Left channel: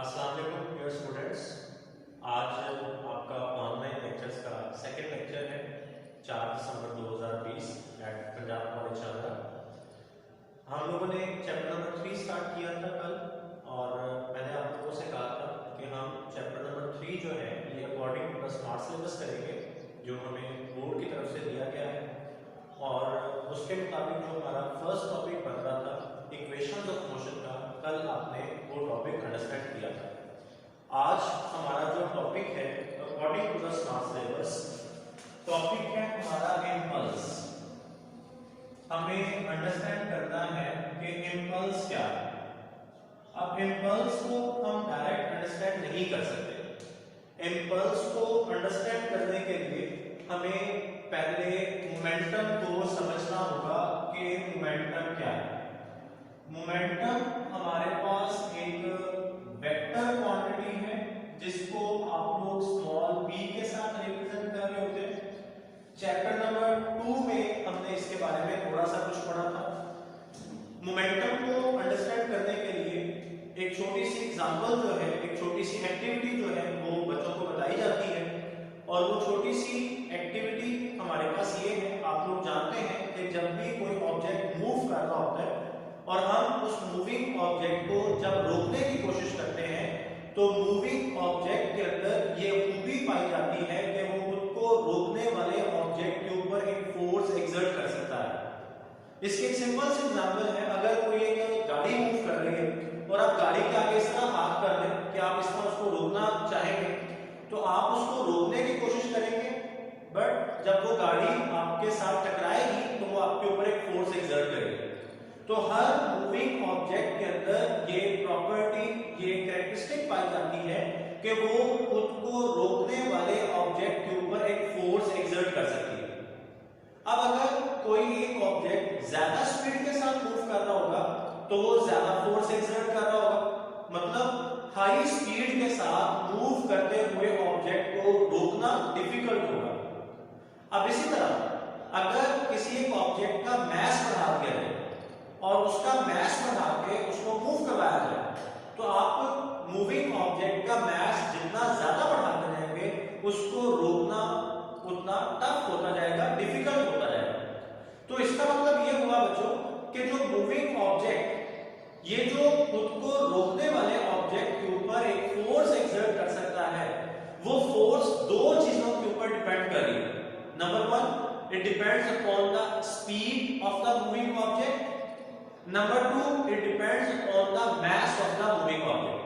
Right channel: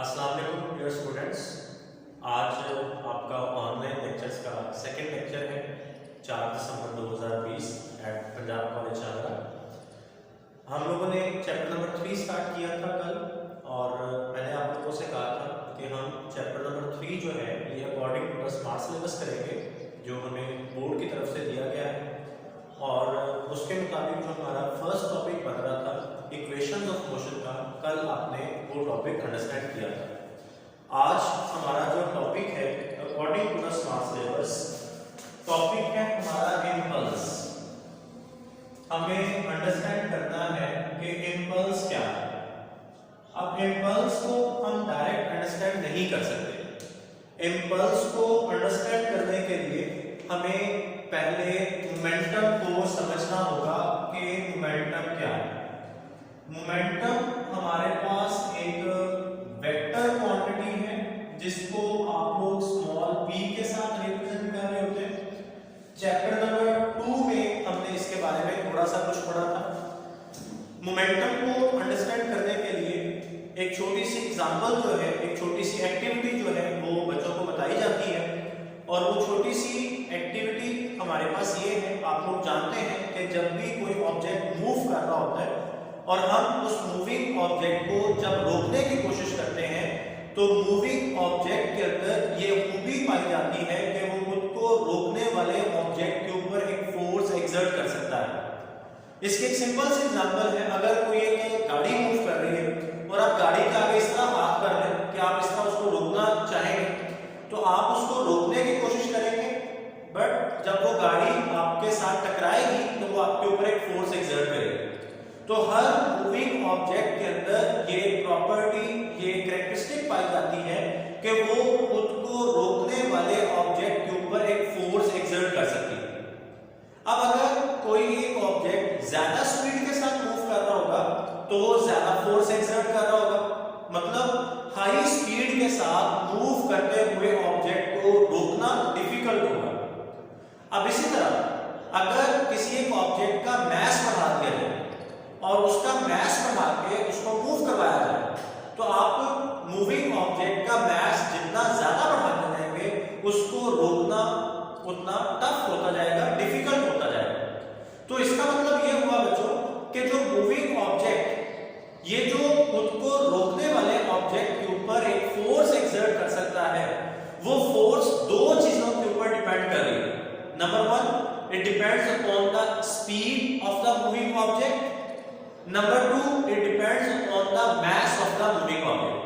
अस्सलाम वालेकुम dear students. आज आपका ऑनलाइन लेक्चर्स का सेकंड लेक्चर है 4 दिसंबर 2020 एट पंजाब कॉलेज आगरा। हम लोगों ने चैप्टर नंबर 3 स्टार्ट किया था कल और मैंने आप लोगों से कहा था कि हम चैप्टर नंबर 3 जो है ये according to the smart syllabus करेंगे जो हमें बोर्ड की तरफ से दिया गया है। और उसके मुताबिक जो हमारा फर्स्ट टॉपिक बन रहा था इक्वेशंस ऑफ मोशन का, कल आपने वो टॉपिक अंडरस्टैंड किया था। आज हमारा जो टॉपिक है according to the smart syllabus topic है हमारा इम्पल्स। हमें अंडरस्टैंड करना है कि इम्पल्स क्या है। अब इम्पल्स को हम डायरेक्ट अंडरस्टैंड नहीं कर सकते। इम्पल्स को अंडरस्टैंड करने के लिए हमें पहले मोमेंटम को समझना होगा कि मोमेंटम क्या है। मोमेंटम हमारे पास एक वेक्टर क्वांटिटी है जिसको आप लोग स्मॉल p के साथ रिप्रेजेंट कर रहे होते हैं। चैप्टर नंबर 2 में हमने इसके बारे में थोड़ा सा कुछ पढ़ा था। मोमेंटम को अंडरस्टैंड करने के लिए एक छोटी सी एग्जांपल जो है, एक छोटी सी एक्टिविटी जो है वो बच्चों को बताई जाती है और वो छोटी सी एक्टिविटी हमारे पास ये है। आप लोग जानते हैं कि जब भी कोई ऑब्जेक्ट मूव कर रहा होता है और हम उस मूविंग ऑब्जेक्ट को जब रोकने की कोशिश करते हैं तो मूविंग ऑब्जेक्ट के अंदर ये खूबी पाई जाती है कि वो खुद को रोकने वाले ऑब्जेक्ट के ऊपर एक फोर्स एक्सर्ट कर सकता है। इसकी एक सिंपल सी एग्जांपल है, अगर कोई एक गाड़ी मूव कर रही है और आप गाड़ी के आगे इस तरह हाथ कर रहे हैं कि आप इस तरह उसको रोकना चाहेंगे तो आप उसको रोकने की कोशिश करेंगे, बट जब वो गाड़ी आपके साथ टकराएगी तो वो आपके ऊपर एक फोर्स एक्सर्ट करेगी। तो हर मूविंग ऑब्जेक्ट के अंदर ये प्रॉपर्टी, ये कैरेक्टरिस्टिक पाई जाती है कि वो खुद को रोकने वाले ऑब्जेक्ट के ऊपर एक फोर्स एक्सर्ट कर सकती है। अब अगर कोई एक ऑब्जेक्ट ज्यादा स्पीड के साथ मूव कर रहा होगा तो वो ज्यादा फोर्स एक्सर्ट कर रहा होगा, मतलब हाई स्पीड के साथ मूव करते हुए ऑब्जेक्ट को रोकना डिफिकल्ट होगा। अब इसी तरह अगर किसी एक ऑब्जेक्ट का मास बढ़ा दिया जाए और उसका मास बढ़ा के उसको मूव करवाया जाए तो आप मूविंग ऑब्जेक्ट का मास जितना ज्यादा बढ़ाते रहेंगे उसको रोकना उतना टफ होता जाएगा, डिफिकल्ट होता जाएगा। तो इसका मतलब ये हुआ बच्चों कि जो मूविंग ऑब्जेक्ट, ये जो खुद को रोकने वाले ऑब्जेक्ट के ऊपर एक फोर्स एक्सर्ट कर सकता है, वो फोर्स दो चीजों के ऊपर डिपेंड कर रही है। Number 1, it depends upon the speed of the moving object. Number 2, it depends upon the mass of the moving object.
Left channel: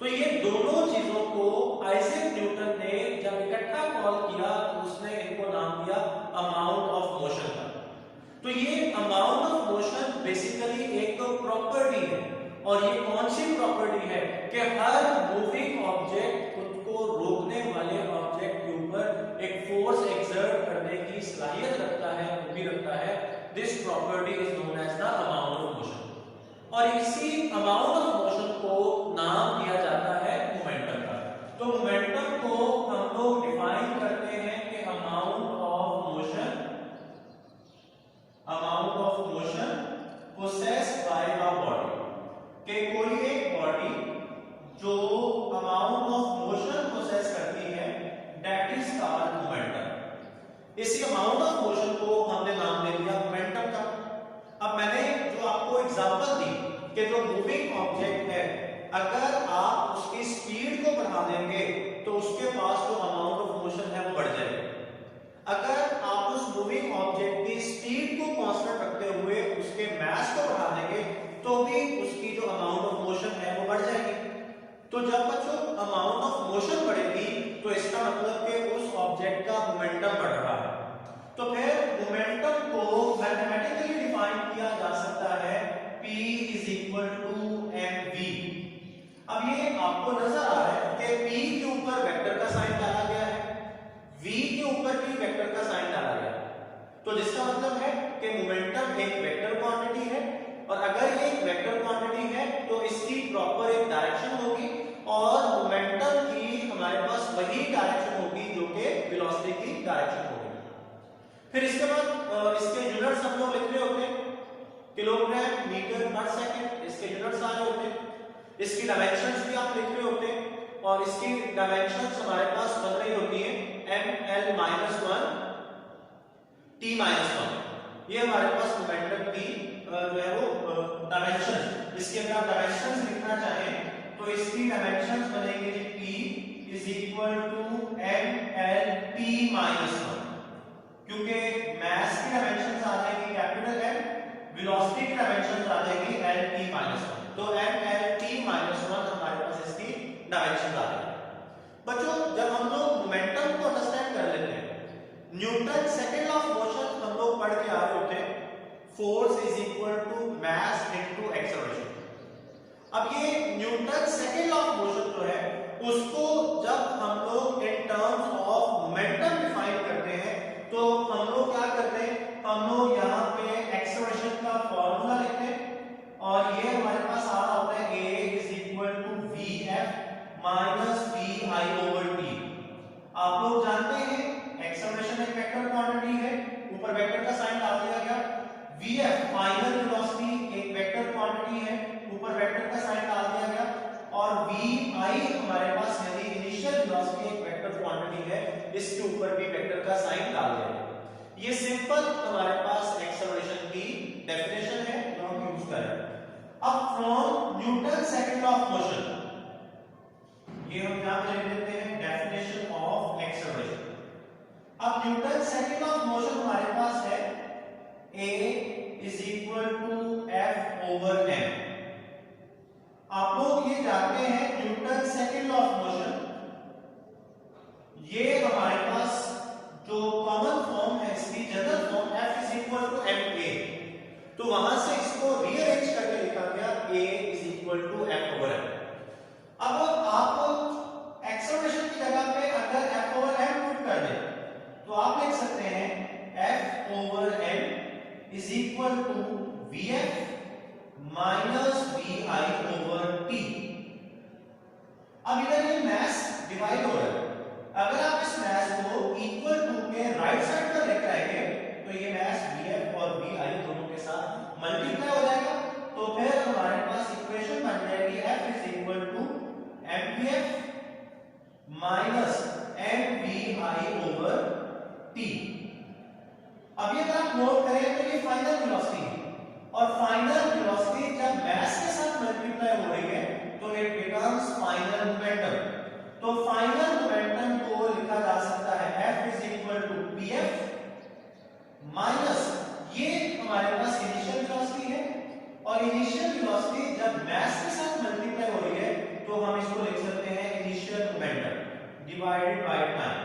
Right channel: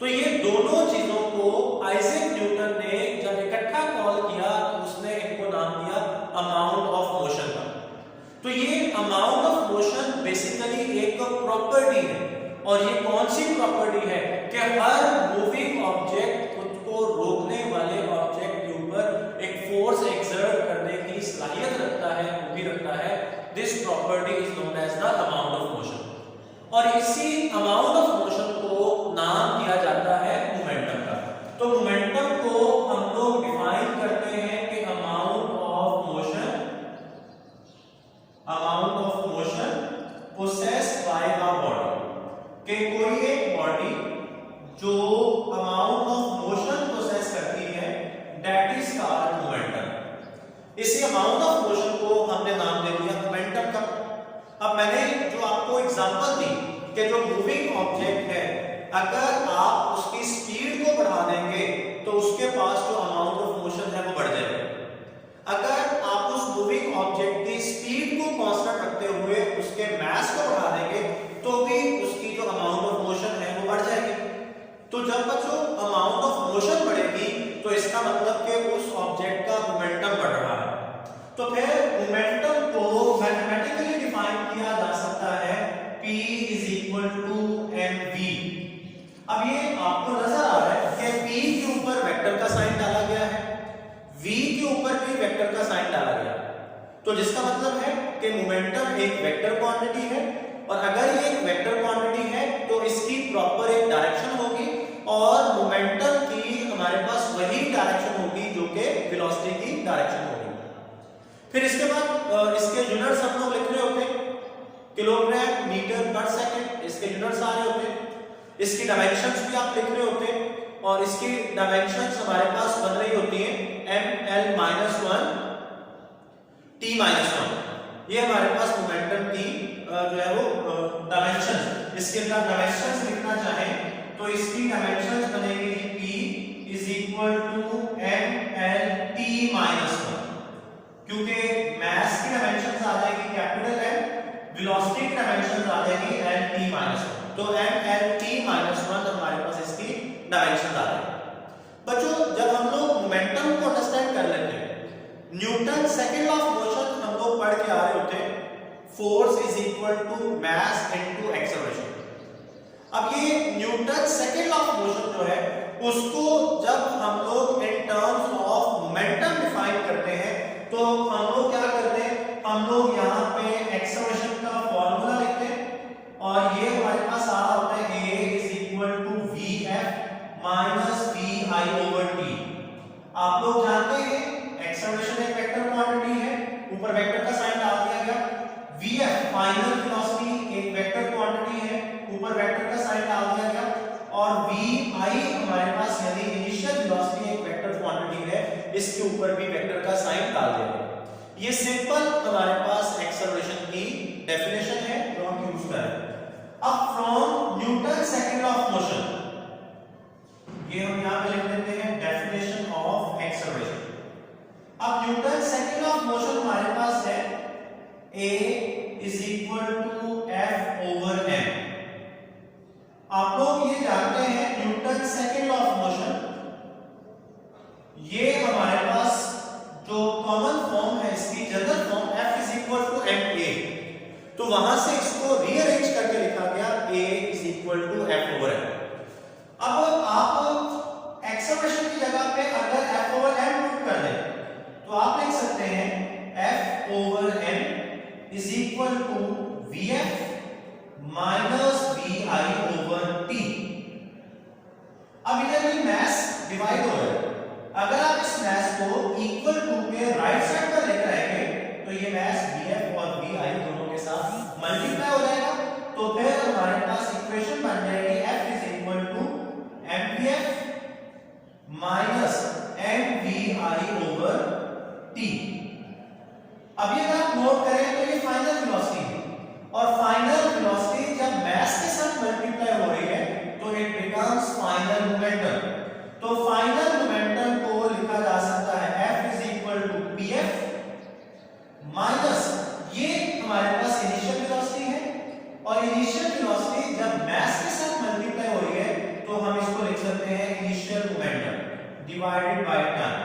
तो ये दोनों चीजों को आइजैक न्यूटन ने जब इकट्ठा कॉल किया तो उसने इनको नाम दिया अमाउंट ऑफ मोशन का। तो ये अमाउंट ऑफ मोशन बेसिकली एक प्रॉपर्टी है और ये कौन सी प्रॉपर्टी है कि हर मूविंग ऑब्जेक्ट खुद को रोकने वाले ऑब्जेक्ट के ऊपर एक फोर्स एक्सर्ट करने की सलाहियत रखता है, खूबी रखता है। This property is known as the amount of motion और इसी अमाउंट ऑफ मोशन को नाम दिया जाता है मोमेंटम का। तो मोमेंटम को हम लोग डिफाइन करते हैं कि amount of motion possessed bye a body, कि कोई एक बॉडी जो अमाउंट ऑफ मोशन पोसेस करती है दैट इज कॉल्ड मोमेंटम। इसी अमाउंट ऑफ मोशन को हमने नाम दे दिया मोमेंटम का। अब मैंने जो आपको एग्जांपल दी कि जो मूविंग ऑब्जेक्ट है अगर आप उसकी स्पीड को बढ़ा देंगे तो उसके पास जो अमाउंट ऑफ मोशन है वो बढ़ जाएगा। अगर आप उस मूविंग ऑब्जेक्ट की स्पीड को कांस्टेंट रखते हुए उसके मास को बढ़ा देंगे तो भी उसकी जो अमाउंट ऑफ मोशन है वो बढ़ जाएगी। तो जब बच्चों अमाउंट ऑफ मोशन बढ़ेगी तो इसका मतलब कि उस ऑब्जेक्ट का मोमेंटम बढ़ रहा है। तो फिर मोमेंटम को मैथमेटिकली डिफाइन किया जा सकता है P = mv। अब ये आपको नजर आ रहा है कि P के ऊपर वेक्टर का साइन डाला गया है, V के ऊपर भी वेक्टर का साइन डाला गया है। तो जिसका मतलब है कि मोमेंटम एक वेक्टर क्वांटिटी है और अगर ये एक वेक्टर क्वांटिटी है तो इसकी प्रॉपर एक डायरेक्शन होगी और मोमेंटम की हमारे पास वही डायरेक्शन होगी जो कि वेलोसिटी की डायरेक्शन होगी। फिर इसके बाद इसके यूनिट्स हम लोग लिख रहे होते हैं किलोग्राम मीटर पर सेकंड, इसके यूनिट्स आ रहे होते हैं। इसकी डायमेंशंस भी आप लिख रहे होते हैं और इसकी डायमेंशंस हमारे पास बन रही होती हैं ml-1 t-1। ये हमारे पास मोमेंटम की जो है वो डायमेंशन, इसके अगर आप डायमेंशंस लिखना चाहें तो इसकी डायमेंशंस बनेगी p is equal to mlt-1, क्योंकि मास की डायमेंशंस आ जाएगी कैपिटल M, वेलोसिटी की डायमेंशंस आ जाएगी lt-1, तो mlt-1 हमारे पास इसकी डायमेंशन आ रही है। बच्चों जब हम लोग मोमेंटम को अंडरस्टैंड कर लेते हैं, न्यूटन सेकंड ऑफ मोशन हम लोग पढ़ के आ रहे होते हैं, force is equal to mass into acceleration. अब ये न्यूटन सेकंड ऑफ मोशन जो है उसको जब हम लोग in terms of momentum define करते हैं तो हम लोग क्या करते हैं, हम लोग यहाँ पे एक्सेलरेशन का फॉर्मूला लिखते हैं और ये हमारे पास आ रहा होता है a is equal to vf minus vi over t। आप लोग जानते हैं एक्सेलरेशन एक वेक्टर क्वांटिटी है, ऊपर वेक्टर का साइन डाल दिया गया, vf फाइनल वेलोसिटी एक वेक्टर क्वांटिटी है, ऊपर वेक्टर का साइन डाल दिया गया, और vi हमारे पास यानी इनिशियल वेलोसिटी एक वेक्टर क्वांटिटी है, इसके ऊपर भी वेक्टर का साइन डाल दिया गया। ये सिंपल हमारे पास एक्सेलरेशन की डेफिनेशन है जो हम यूज कर रहे हैं। अब from Newton second of motion, ये हम यहां पे लिख देते हैं डेफिनेशन ऑफ एक्सेलरेशन। अब न्यूटन सेकंड ऑफ मोशन हमारे पास है a is equal to f over m। आप लोग ये जानते हैं न्यूटन सेकंड ऑफ मोशन, ये हमारे पास जो कॉमन फॉर्म है इसकी general form f is equal to ma, तो वहां से इसको रीअरेंज करके लिखा गया a is equal to f over m। अब आप एक्सेलरेशन की जगह पे अगर f ओवर m पुट कर दें तो आप लिख सकते हैं f over m is equal to vf minus vi over t। अब इधर ये मास डिवाइड हो रहा है, अगर आप इस मास को इक्वल टू के राइट साइड पर लेकर आएंगे तो ये मास vf और vi दोनों के साथ मल्टीप्लाई हो जाएगा, तो फिर हमारे पास इक्वेशन बन जाएगी f is equal to mvf minus mvi over t। अब ये अगर आप नोट करें तो ये फाइनल वेलोसिटी है, और फाइनल वेलोसिटी जब मास के साथ मल्टीप्लाई हो रही है तो इट बिकम्स फाइनल मोमेंटम। तो फाइनल मोमेंटम को लिखा जा सकता है f is equal to pf minus, ये हमारे पास इनिशियल वेलोसिटी है, और इनिशियल वेलोसिटी जब मास के साथ मल्टीप्लाई हो रही है तो हम इसको लिख सकते हैं initial momentum divided by time.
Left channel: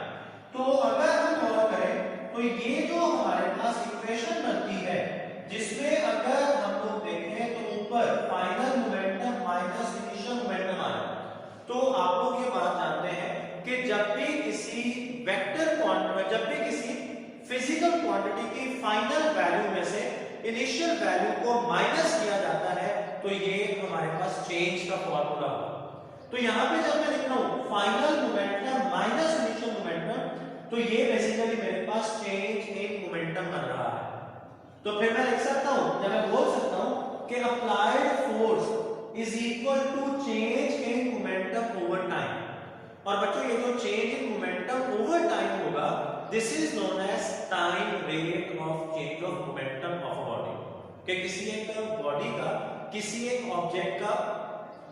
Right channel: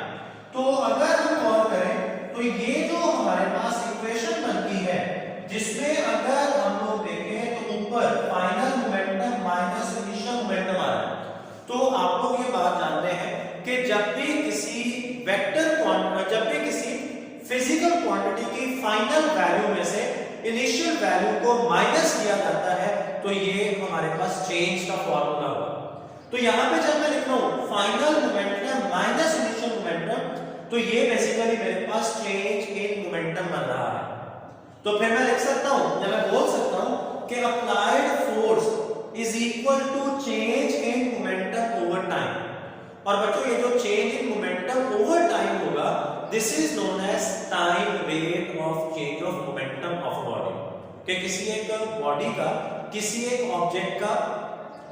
तो अगर हम गौर करें तो ये जो हमारे पास इक्वेशन बनती है जिसमें अगर हम लोग देखें तो ऊपर final momentum minus initial momentum आ रहा है, तो आप लोग ये बात जानते हैं कि जब भी किसी वेक्टर क्वांटिटी, जब भी किसी फिजिकल क्वांटिटी की फाइनल वैल्यू में से इनिशियल वैल्यू को माइनस किया जाता है तो ये हमारे पास चेंज का फॉर्मूला होगा। तो यहां पे जब मैं लिख रहा हूं final momentum minus initial momentum, तो ये बेसिकली मेरे पास चेंज इन मोमेंटम बन रहा है। तो फिर मैं लिख सकता हूं या मैं बोल सकता हूं कि applied force is equal to change in momentum over time. और बच्चों ये जो change in momentum over time होगा this is known as time rate of change of momentum of body, कि किसी एक बॉडी का, किसी एक ऑब्जेक्ट का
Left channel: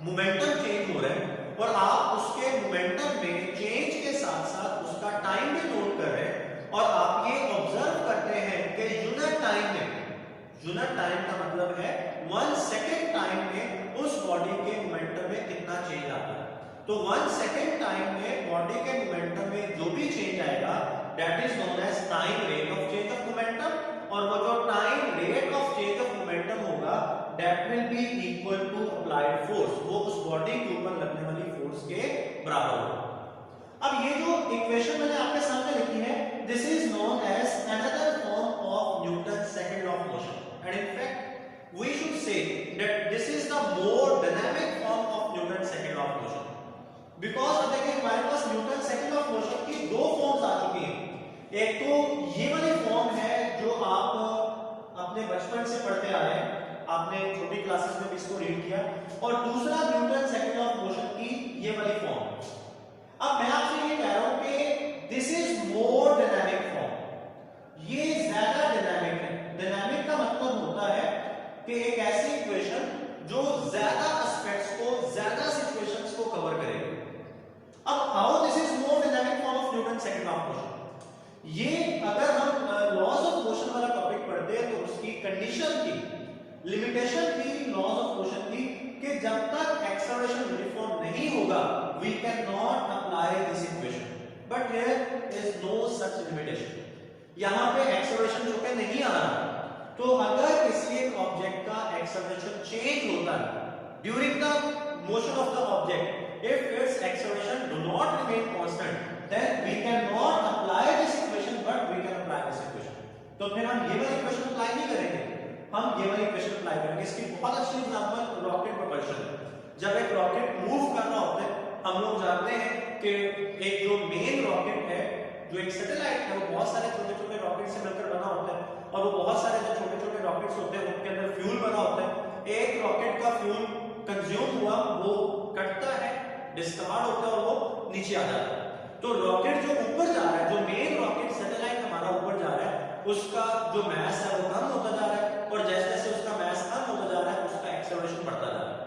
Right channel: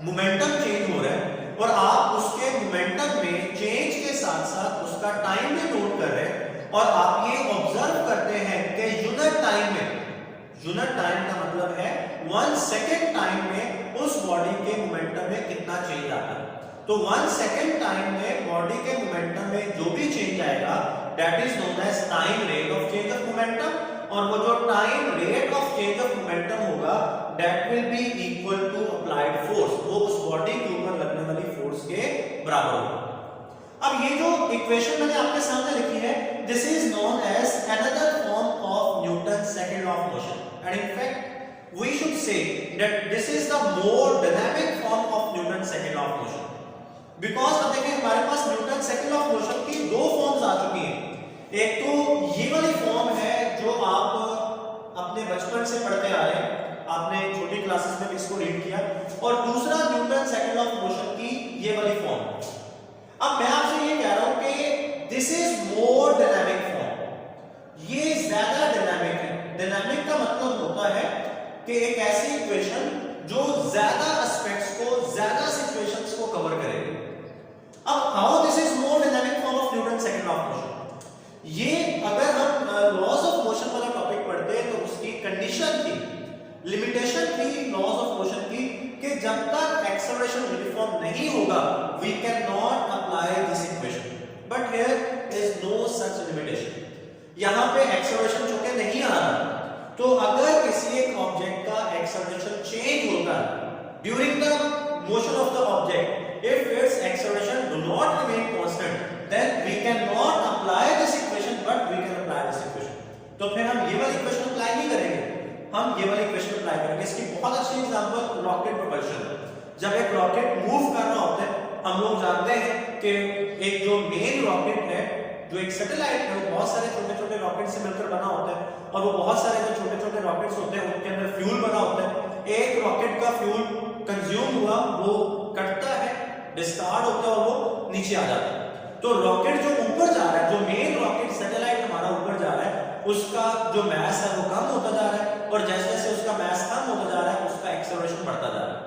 मोमेंटम चेंज हो रहा है और आप उसके मोमेंटम में चेंज के साथ साथ उसका टाइम भी नोट कर रहे हैं, और आप ये ऑब्जर्व करते हैं कि यूनिट टाइम में, यूनिट टाइम का मतलब है 1 सेकंड टाइम में उस बॉडी के मोमेंटम में कितना चेंज आता है। तो 1 सेकंड टाइम में बॉडी के मोमेंटम में जो भी चेंज आएगा that is known as time rate of change of momentum, और वो जो time rate of change of momentum होगा that will be equal to applied force, वो उस बॉडी के ऊपर लगने वाली फोर्स के बराबर होगा। अब ये जो इक्वेशन मैंने आपके सामने लिखी है this is known as another form of Newton second of motion, and in fact we should say that this is the more dynamic form of Newton second of motion, because अब देखिए हमारे पास Newton second of motion की दो forms आ चुकी हैं। एक तो ये वाली फॉर्म है जो आप अपने बचपन से पढ़ते आ रहे हैं, आपने छोटी क्लासेस में भी इसको रीड किया। और दूसरा न्यूटन सेकंड ऑफ मोशन की ये वाली फॉर्म। अब मैं आपसे ये कह रहा हूं कि this is more dynamic form, ये ज्यादा डायनामिक है। डायनामिक का मतलब होता है कि एक ऐसी इक्वेशन जो ज्यादा एस्पेक्ट्स को, ज्यादा सिचुएशंस को कवर करेगी। अब how this is more dynamic form of Newton second of motion, ये अगर हम लॉज ऑफ मोशन वाला टॉपिक पढ़ते हैं तो उसकी कंडीशन थी, लिमिटेशन थी लॉज ऑफ मोशन की, कि जब तक एक्सेलरेशन यूनिफॉर्म नहीं होगा we can not apply this equation. But here is no such limitation. यहां पे एक्सेलरेशन चूंकि नहीं आ रहा, तो अगर किसी एक ऑब्जेक्ट का एक्सेलरेशन चेंज होता है during the motion of the object, if its acceleration do not remain constant, then we cannot apply this equation, but we can apply this equation. तो फिर हम ये वाली इक्वेशन अप्लाई नहीं करेंगे, हम ये वाली इक्वेशन अप्लाई करेंगे। इसकी बहुत अच्छी एग्जांपल रॉकेट प्रोपल्शन। जब एक रॉकेट मूव कर रहा होता है, हम लोग जानते हैं कि एक जो मेन रॉकेट है, जो एक सैटेलाइट है, वो बहुत सारे छोटे-छोटे रॉकेट से मिलकर बना होता है, और वो बहुत सारे जो छोटे-छोटे रॉकेट्स होते हैं उनके अंदर फ्यूल बना होता है। एक रॉकेट का फ्यूल कंज्यूम हुआ, वो कटता है, डिस्कार्ड होता है और वो नीचे आ जाता है। तो रॉकेट जो ऊपर जा रहा है, जो मेन रॉकेट सैटेलाइट हमारा ऊपर जा रहा है, उसका जो मास है वो कम होता जा रहा है, और जैसे जैसे उसका मास कम होता जा रहा है उसका एक्सेलरेशन बढ़ता जा रहा है।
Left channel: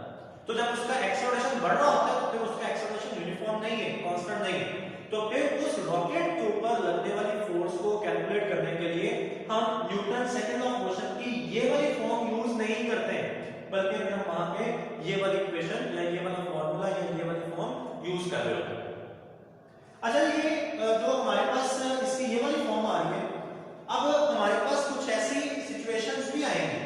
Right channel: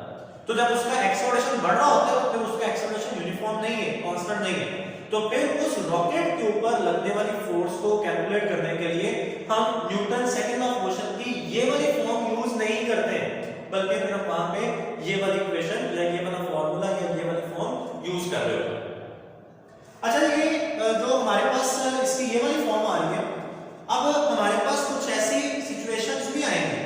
तो जब उसका एक्सेलरेशन बढ़ रहा होता है तो फिर उसका एक्सेलरेशन यूनिफॉर्म नहीं है, कांस्टेंट नहीं है। तो फिर उस रॉकेट के ऊपर लगने वाली फोर्स को कैलकुलेट करने के लिए हम न्यूटन सेकंड ऑफ मोशन की ये वाली फॉर्म यूज नहीं करते, बल्कि फिर हम वहां पे ये वाली इक्वेशन या ये वाला फॉर्मूला या ये वाली फॉर्म यूज कर रहे हो। अच्छा, ये जो हमारे पास इसकी ये वाली फॉर्म आ रही है, अब हमारे पास कुछ ऐसी सिचुएशंस भी आएंगी,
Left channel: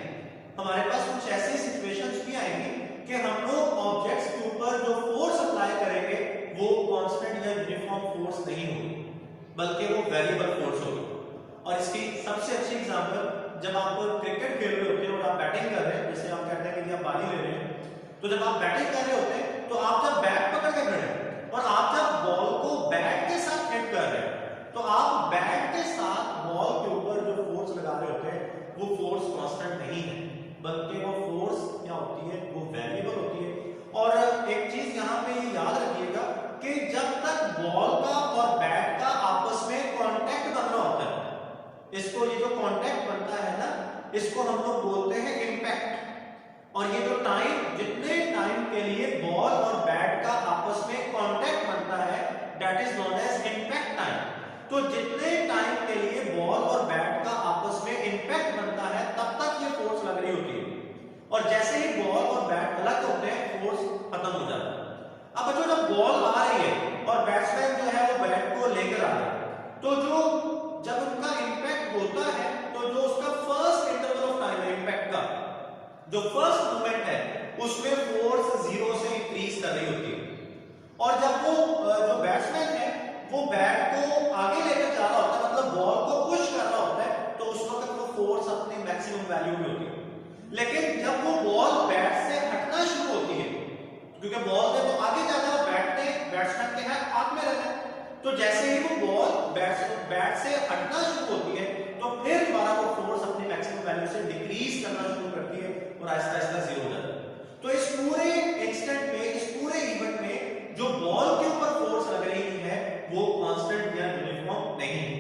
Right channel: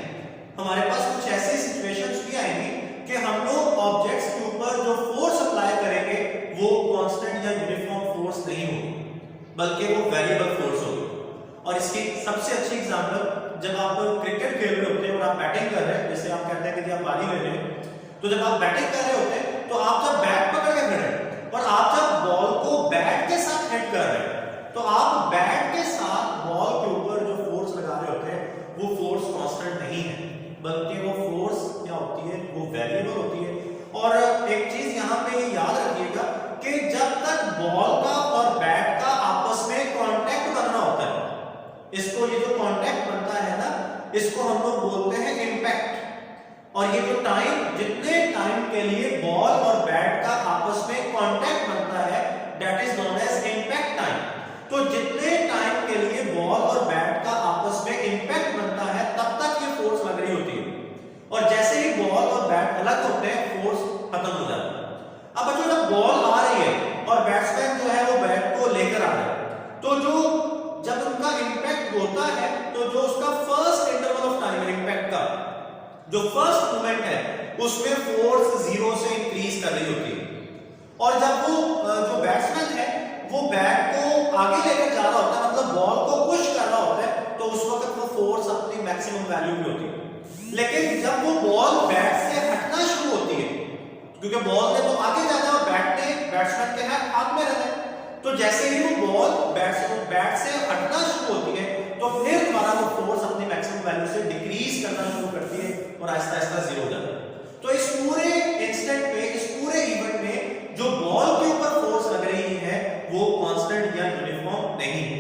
हमारे पास कुछ ऐसी सिचुएशंस भी आएंगी कि हम लोग ऑब्जेक्ट्स के ऊपर जो फोर्स अप्लाई करेंगे वो कांस्टेंट या यूनिफॉर्म फोर्स नहीं होगी, बल्कि वो वेरिएबल फोर्स होगी। और इसकी सबसे अच्छी एग्जांपल, जब आप क्रिकेट खेल रहे होते हैं और आप बैटिंग कर रहे हैं, जैसे आप कहते हैं कि आप बारी ले रहे हैं, तो जब आप बैटिंग कर रहे होते हैं तो आप जब बैट पकड़ के खड़े हैं और आप जब बॉल को बैट के साथ हिट कर रहे हैं, तो आप बैट के साथ बॉल के ऊपर जो फोर्स लगा रहे होते हैं वो फोर्स कांस्टेंट नहीं है, बल्कि वो फोर्स क्या होती है, वो वेरिएबल होती है। और एक चीज यहाँ पे याद रखिएगा कि जब तक बॉल का और बैट का आपस में कांटेक्ट बन रहा होता है, इसको ये जो कांटेक्ट बनता है ना, इसको हम लोग बोलते हैं इंपैक्ट। और ये जो टाइम, जितने टाइम के लिए बॉल और बैट का आपस में कांटेक्ट बनता है, that is known as impact time. तो जितने टाइम के लिए बॉल और बैट का आपस में इंपैक्ट बनता है तब तक ये फोर्स लग रही होती है, और जैसे ही बॉल और बैट अलग होते हैं फोर्स खत्म हो जाता है। अब बच्चों, जब बॉल आ रही है और बैट्समैन जो है वो बैट को लेकर आ रहा है, तो जो जब उनका इंपैक्ट होता है तो जो उसका फर्स्ट इंटरवल ऑफ टाइम है, इंपैक्ट का जो फर्स्ट मोमेंट है, उसमें फोर्स 0 से इंक्रीज कर रही होती है। और जब वो जो बैट्समैन है वो बैट को आगे लेकर जा रहा होता है, मतलब बॉल को पुश कर रहा होता है, तो उस वक्त वो फोर्स अपनी मैक्सिमम वैल्यू पे होती है। लेकिन जब वो बॉल बैट से हटना शुरू होती है, क्योंकि बॉल ने तो आगे जाना है और बैट्समैन के हाथ में रहना है, तो जैसे ही वो बॉल बैट से हटना शुरू होती है, तो फिर दोबारा वो फोर्स अपनी मैक्सिमम वैल्यू से डिक्रीज करना शुरू करती है और आहिस्ता आहिस्ता 0 हो जाता है। तो इस पूरे इंस्टेंट पे, इस पूरे इवेंट में जो बॉल के ऊपर फोर्स लग रही है वो कांस्टेंट या यूनिफॉर्म नहीं है।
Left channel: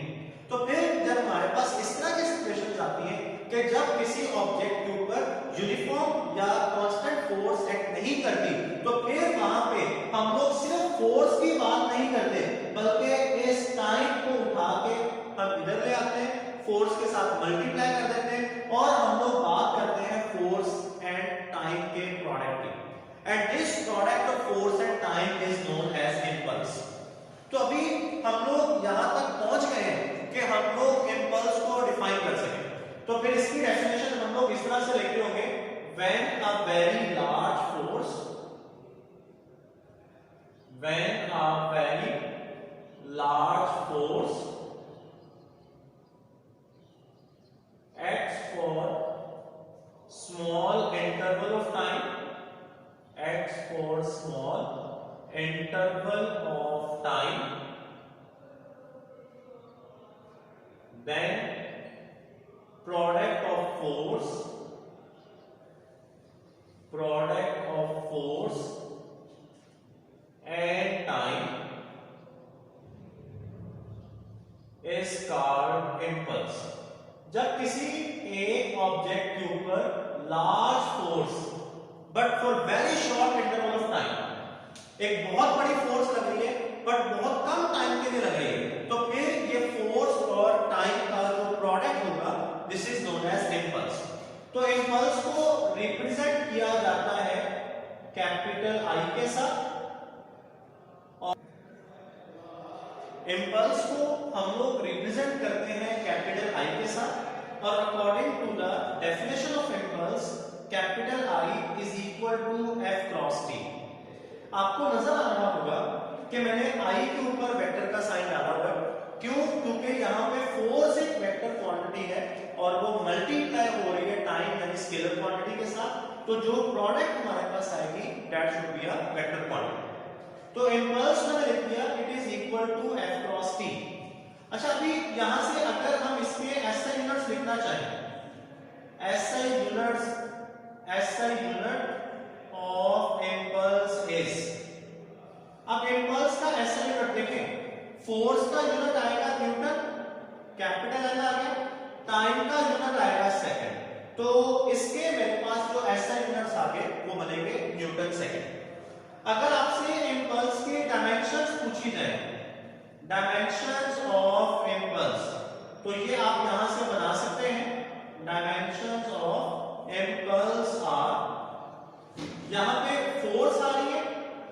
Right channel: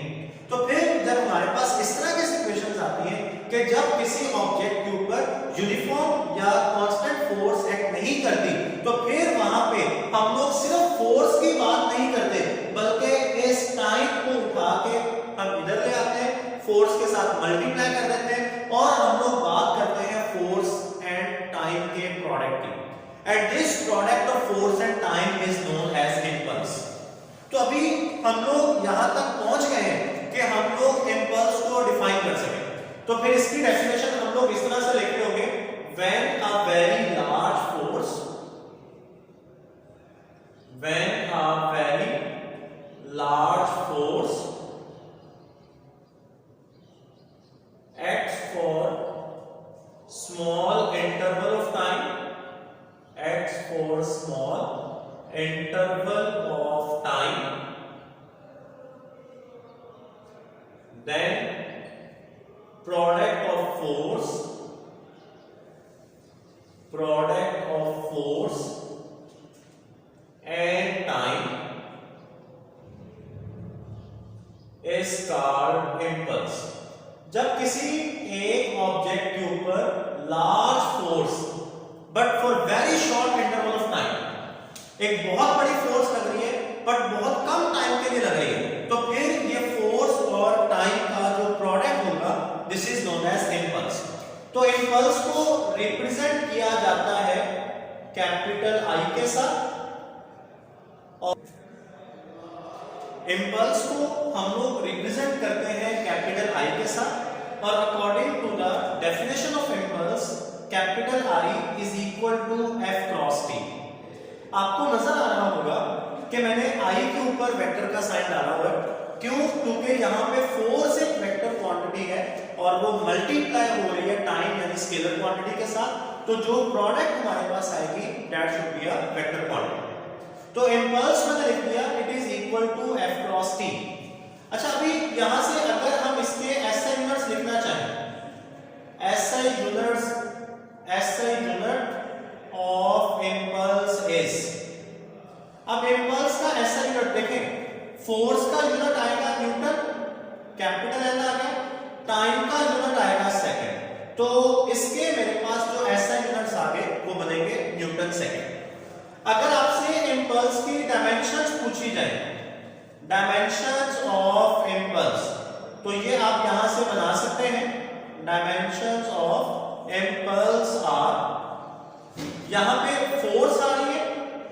तो फिर जब हमारे पास इस तरह की सिचुएशंस आती हैं कि जब किसी ऑब्जेक्ट के ऊपर यूनिफॉर्म या कांस्टेंट फोर्स एक्ट नहीं करती, तो फिर वहां पे हम लोग सिर्फ फोर्स की बात नहीं करते, बल्कि इस टाइम को उठा के हम इधर ले आते हैं, फोर्स के साथ मल्टीप्लाई कर देते हैं, और हम लोग बात करते हैं फोर्स एंड टाइम के प्रोडक्ट की। And this product of force and time is known as impulse. तो अभी हम लोग यहां तक पहुंच गए हैं कि हम लोग इंपल्स को डिफाइन कर सकें। तो फिर इसकी डेफिनेशन हम लोग इस तरह से लिख रहे होंगे, when a very large force, when a very large force acts for small interval of time, acts for small interval of time, then product of force product of force and time is called impulse. जब किसी एक object के ऊपर large force but for very short interval of time, एक बहुत बड़ी force लग रही है बट बहुत कम टाइम के लिए लग रही है, तो फिर ये फोर्स और टाइम का जो प्रोडक्ट होगा this is known as impulse. तो इम्पल्स को रिप्रेजेंट किया जाता है कैपिटल आई के साथ, और इम्पल्स को हम लोग रिप्रेजेंट करते हैं कैपिटल आई के साथ, और according to the definition of impulse capital I is equal to F cross T. आपको नजर आ रहा होगा कि मैंने आई के ऊपर वेक्टर का साइन डाला हुआ है, क्यों? क्योंकि यहाँ पे फोर्स एक वेक्टर क्वांटिटी है और वो मल्टीप्लाई हो रही है टाइम यानी स्केलर क्वांटिटी के साथ, तो जो प्रोडक्ट हमारे पास आएगी that should be a vector quantity. तो इम्पल्स मैंने लिख दिया it is equal to F cross T. अच्छा, अभी यहां से अगर हम इसके एसआई यूनिट्स लिखना चाहें, SI unit of impulse is, अब इम्पल्स का एसआई यूनिट देखें, फोर्स का यूनिट आएगा न्यूटन, कैपिटल एन आ गया, टाइम का यूनिट आएगा सेकंड, तो इसके मेरे पास जो एसआई यूनिट्स आ गए वो बनेंगे न्यूटन सेकंड। अगर आपसे इम्पल्स की डायमेंशंस पूछी जाए, डायमेंशंस ऑफ इम्पल्स, तो ये आप यहां से बना सकते हैं। डायमेंशंस ऑफ इम्पल्स आर, यहां पे फोर्स आ रही है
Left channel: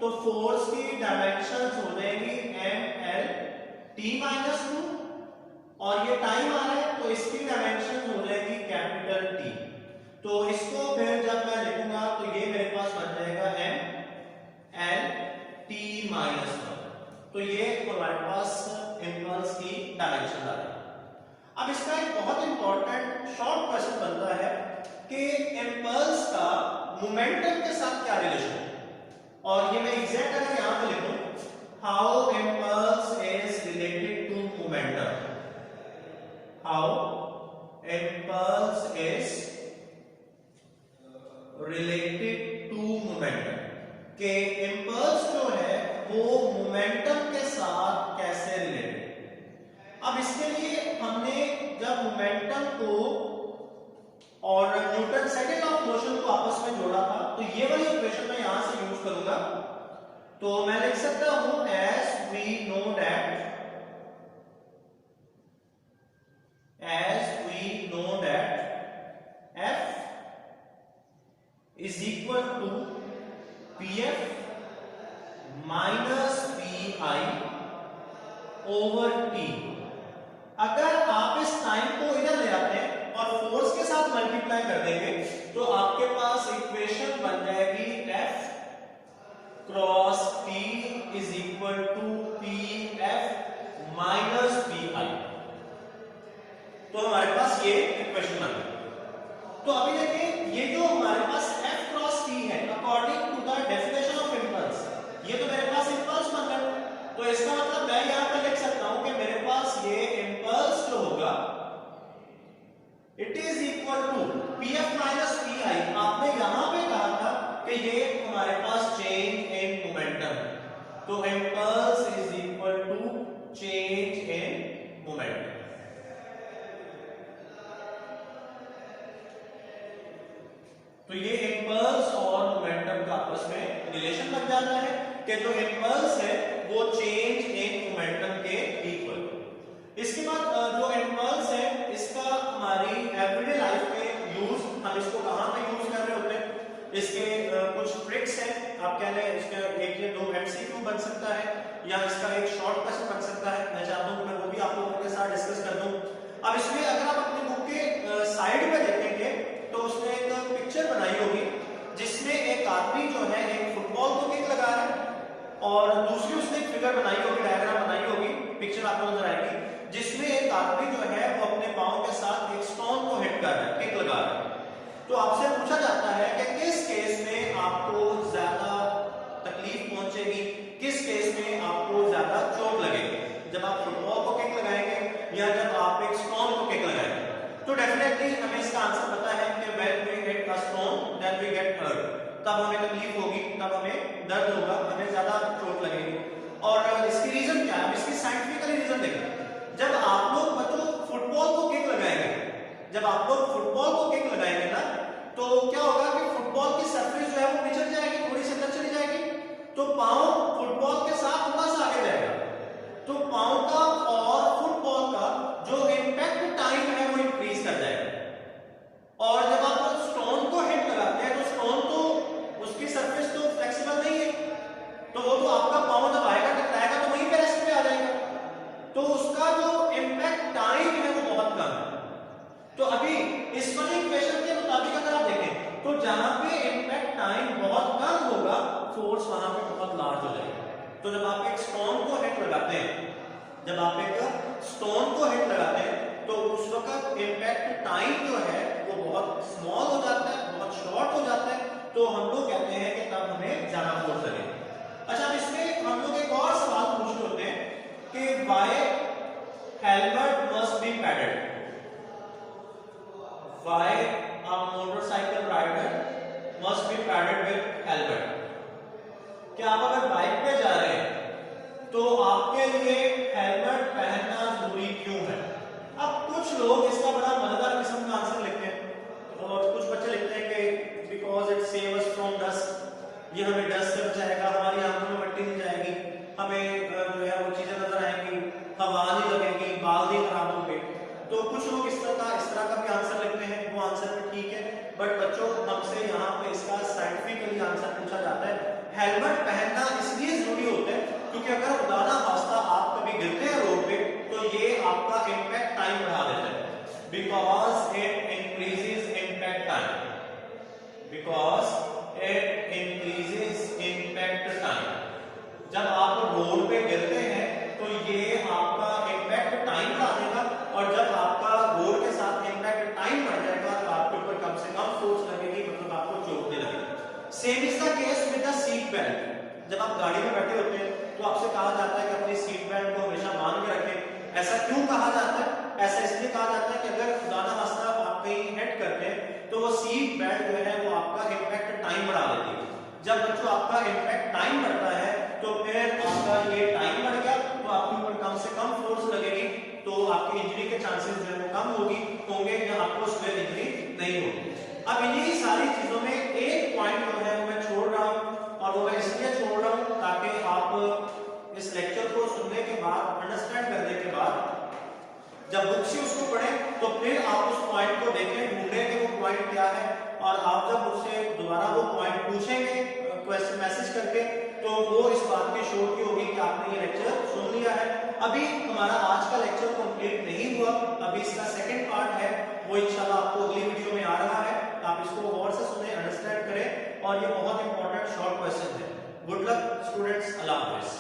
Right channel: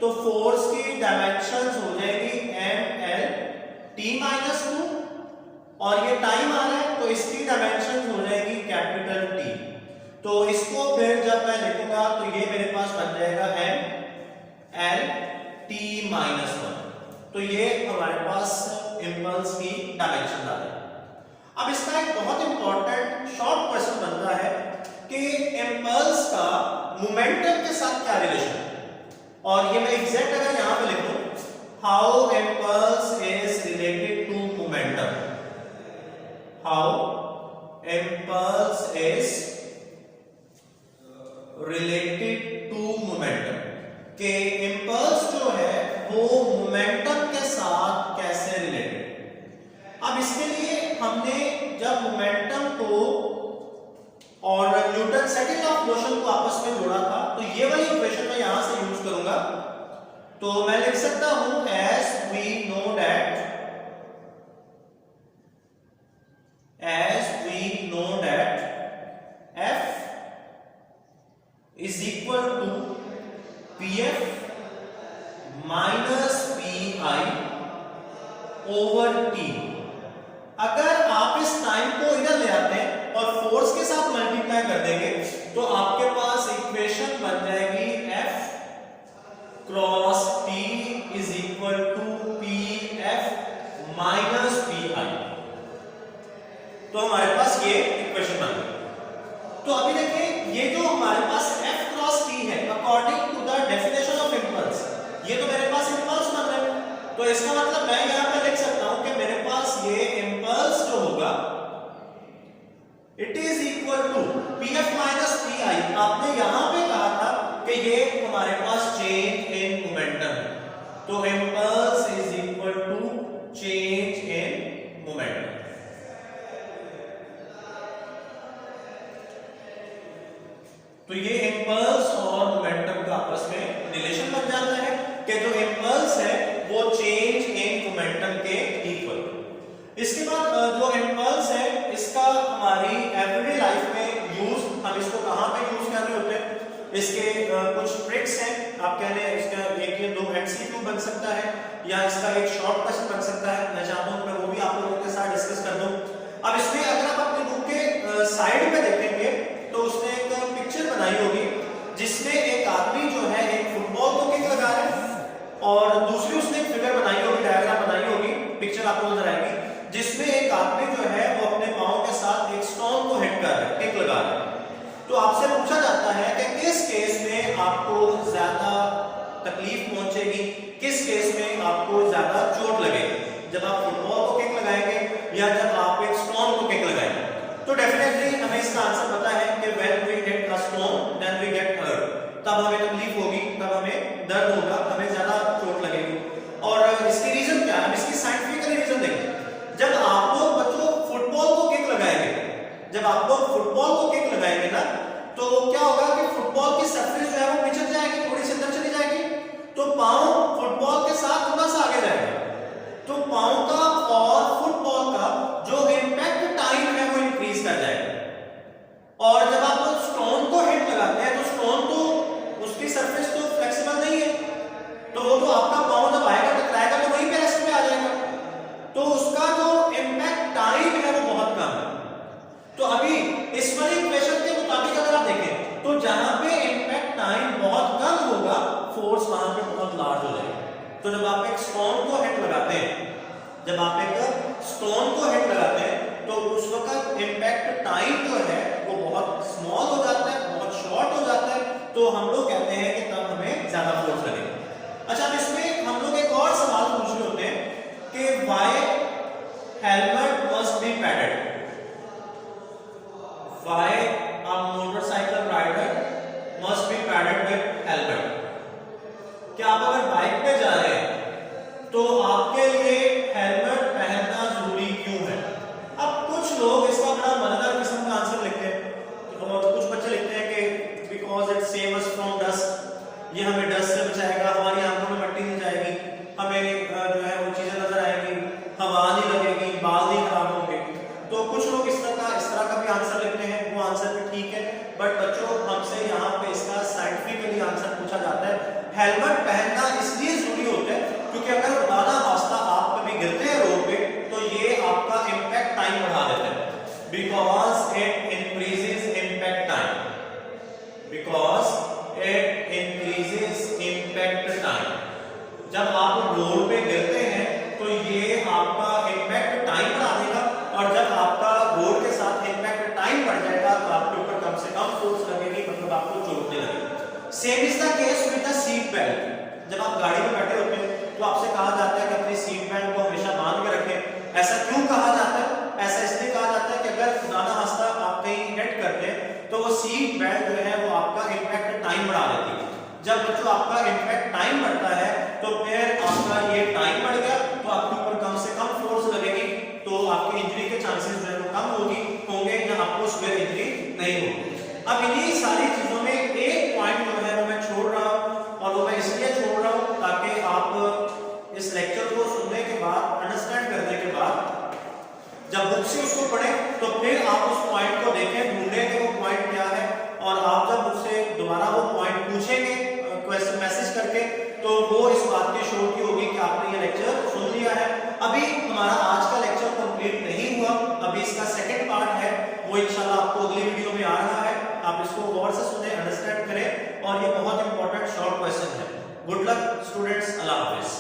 तो फोर्स की डायमेंशंस हो जाएगी M L T minus two, और ये टाइम आ रहा है तो इसकी डायमेंशंस हो जाएगी कैपिटल टी। तो इसको फिर जब मैं लिखूंगा तो ये मेरे पास बन जाएगा M L T minus one, तो ये हमारे पास इम्पल्स की डायमेंशन आ रही है। अब इसका एक बहुत इंपॉर्टेंट शॉर्ट क्वेश्चन बनता है कि इम्पल्स का मोमेंटम के साथ क्या रिलेशन है, और ये मैं एग्जैक्ट अगर यहां पे लिखूं, how impulse is related to momentum, how impulse is related to momentum, कि इम्पल्स जो है वो मोमेंटम के साथ कैसे रिलेटेड। अब इसके लिए हमने जब मोमेंटम को और Newton second law of motion को आपस में जोड़ा था, तो ये वाली इक्वेशन मैं यहां से यूज करूंगा, तो मैं लिख सकता हूं as we know that F is equal to Pf minus Pi over T। अगर आप इस टाइम को इधर ले आते हैं और फोर्स के साथ मल्टीप्लाई कर देंगे तो आपके पास इक्वेशन बन जाएगी F cross T is equal to Pf minus Pi। तो हमारे पास ये इक्वेशन बन गई। तो अभी देखें, ये जो हमारे पास F क्रॉस T है according to the definition of impulse, ये तो मेरे पास इम्पल्स बन रहा है, तो इसका मतलब मैं यहां पे लिख सकता हूं कि मेरे पास ये इम्पल्स जो होगा it is equal to Pf minus Pi। आपने यहां पे कहा था कि ये हमारे पास चेंज इन मोमेंटम, तो impulse is equal to change in momentum. तो ये इम्पल्स और मोमेंटम का आपस में रिलेशन बन जाता है कि जो इम्पल्स है वो चेंज इन मोमेंटम के इक्वल। इसके बाद जो इम्पल्स है इसका हमारी एवरीडे लाइफ में यूज, हम इसको कहां पे यूज कर रहे होते हैं, इसके कुछ ट्रिक्स हैं। आप कह लें इसका एक या दो एमसीक्यू बन सकता है या इसका एक शॉर्ट क्वेश्चन बन सकता है। मैं चाहता हूं मैं वो भी आप लोगों के साथ डिस्कस कर दूं। अब इसमें अगर आप अपनी बुक के साइड पे देखेंगे तो उसने एक पिक्चर बनाई होगी जिसमें एक आदमी जो है एक फुटबॉल को किक लगा रहा है और दूसरी उसने एक फिगर बनाई होगी, डायग्राम बनाई होगी, पिक्चर आपको नजर आएगी जिसमें एक आदमी जो है वो अपने पांव के साथ एक स्टोन को हिट कर रहा है, किक लगा रहा है। तो आपसे पूछा जाता है कि किस केस में आपको ज्यादा तकलीफ पहुंचेगी, किस केस में आपको ज्यादा चोट लगेगी, जब आप फुटबॉल को किक लगाएंगे या जब आप एक स्टोन को किक लगाएंगे। तो डेफिनेटली हमें इसका आंसर पता है कि when we hit a stone then we get hurt, पाँव फुटबॉल के साथ थोड़ा सा आगे जाएगा, तो पाँव का और फुटबॉल का जो इम्पैक्ट टाइम है वो इंक्रीज कर जाएगा। और जब आप स्टोन को हिट लगाते हैं तो स्टोन तो उसकी सरफेस तो फ्लेक्सिबल नहीं है, तो वो तो आपका पाँव जब आएगा टकराएगा तो वहीं पे रेस्ट पे आ जाएगा, तो उसका जो इम्पैक्ट टाइम है वो बहुत कम है। तो अभी इस वाले इक्वेशन के मुताबिक अगर आप देखें तो जहां पे इम्पैक्ट टाइम बहुत कम होगा फोर्स वहां पे बहुत लार्ज हो जाएगा। तो जब आप एक स्टोन को हिट लगाते हैं, जब आप एक स्टोन को हिट लगाते हैं तो उस वक्त इम्पैक्ट टाइम जो है वो बहुत स्मॉल हो जाता है, बहुत शॉर्ट हो जाता है, तो हम लोग कहते हैं कि तब हमें ज्यादा फोर्स लगेगा। अच्छा, इसमें हम लोग एक और सवाल पूछ रहे होते हैं कि why helmet must be padded, why a motorcycle rider must be padded with helmet. क्या आप अगर बाइक पे जा रहे हैं तो आपके लिए हेलमेट पहनना जरूरी क्यों है? अब कुछ लोग इसका बड़ा मजेदार किस्म का आंसर लिखते हैं और कुछ बच्चे लिखते हैं कि because it save us from dust, ये हमें डस्ट से बचाएगा, हमारी आंखों में मट्टी नहीं जाएगी, हमें जो है वो चीजें नजर आएंगी, हवा नहीं लगेगी, बाल नहीं खराब होंगे। तो कुछ लोग इस तरह का भी आंसर लिखते हैं, वो आंसर भी ठीक है, बट बच्चों हमसे यहाँ पे इसका साइंटिफिकली आंसर पूछा जाता है। हेलमेट पहनना इसलिए जरूरी होता है क्योंकि अगर खुदा ना वास्ता आप कभी गिरते हैं रोड पे तो ये आपका इम्पैक्ट टाइम बढ़ा देता है, because it increases impact time, because it increases impact time. जब आप रोड पे गिरते हैं तो ये आपका इम्पैक्ट टाइम बढ़ा देगा, और जब आपका रोड के साथ इम्पैक्ट टाइम बढ़ जाएगा तो आपके ऊपर कम से कम फोर्स लगेगी, मतलब आपको चोटने लगेगी। Same is the case with the seat belt. जब आप गाड़ी में बैठे होते हैं तो आपसे कहा जाता है कि अपनी सीट बेल्ट को हमेशा बांध के रखें। ऐसा क्यों कहा जाता है? ऐसा इसलिए कहा जाता है कि अगर खुदा ना खास्ता आप कहीं हिट करते हैं तो वो सीट बेल्ट जो है वो आपका इम्पैक्ट टाइम बढ़ा देती है। जब बच्चों आपका इम्पैक्ट टाइम बढ़ता है तो फिर आपका ये टाइम बढ़ गया तो आपके ऊपर कम से कम फोर्स लगेगी, तो आपकी इंजरी के चांसेस जो है वो कम होंगे या आपको स्क्वेयर इंजरी नहीं होगी। अब इन्हीं सारी चीजों में एक पॉइंट जो है वो मैं छोड़ रहा हूँ, और वो मैं इसलिए छोड़ रहा हूँ ताकि आप इस लेक्चर को सुनने के बाद, अंडरस्टैंड करने के बाद जब बुक से उसको पढ़ें तो फिर आप उस पॉइंट को देखें, ढूंढें कि वो पॉइंट क्या है, और आप जब उससे दोबारा वो पॉइंट पूछेंगे क्वेश्चन मैसेज करके तो वो इस बात की श्योर की होगी कि आपने ये लेक्चर सुन लिया है। अभी हमारा आज का लेक्चर कंप्लीट नहीं हुआ, अभी इसका सेकंड पार्ट है, वो इंशाल्लाह आपको अगली वीडियो में आ रहा है। आप इसको गौर से सुने, अंडरस्टैंड करें, और ये बहुत इंपॉर्टेंट शॉर्ट क्वेश्चन है। गुड लक स्टूडेंट्स, अल्लाह हाफिज।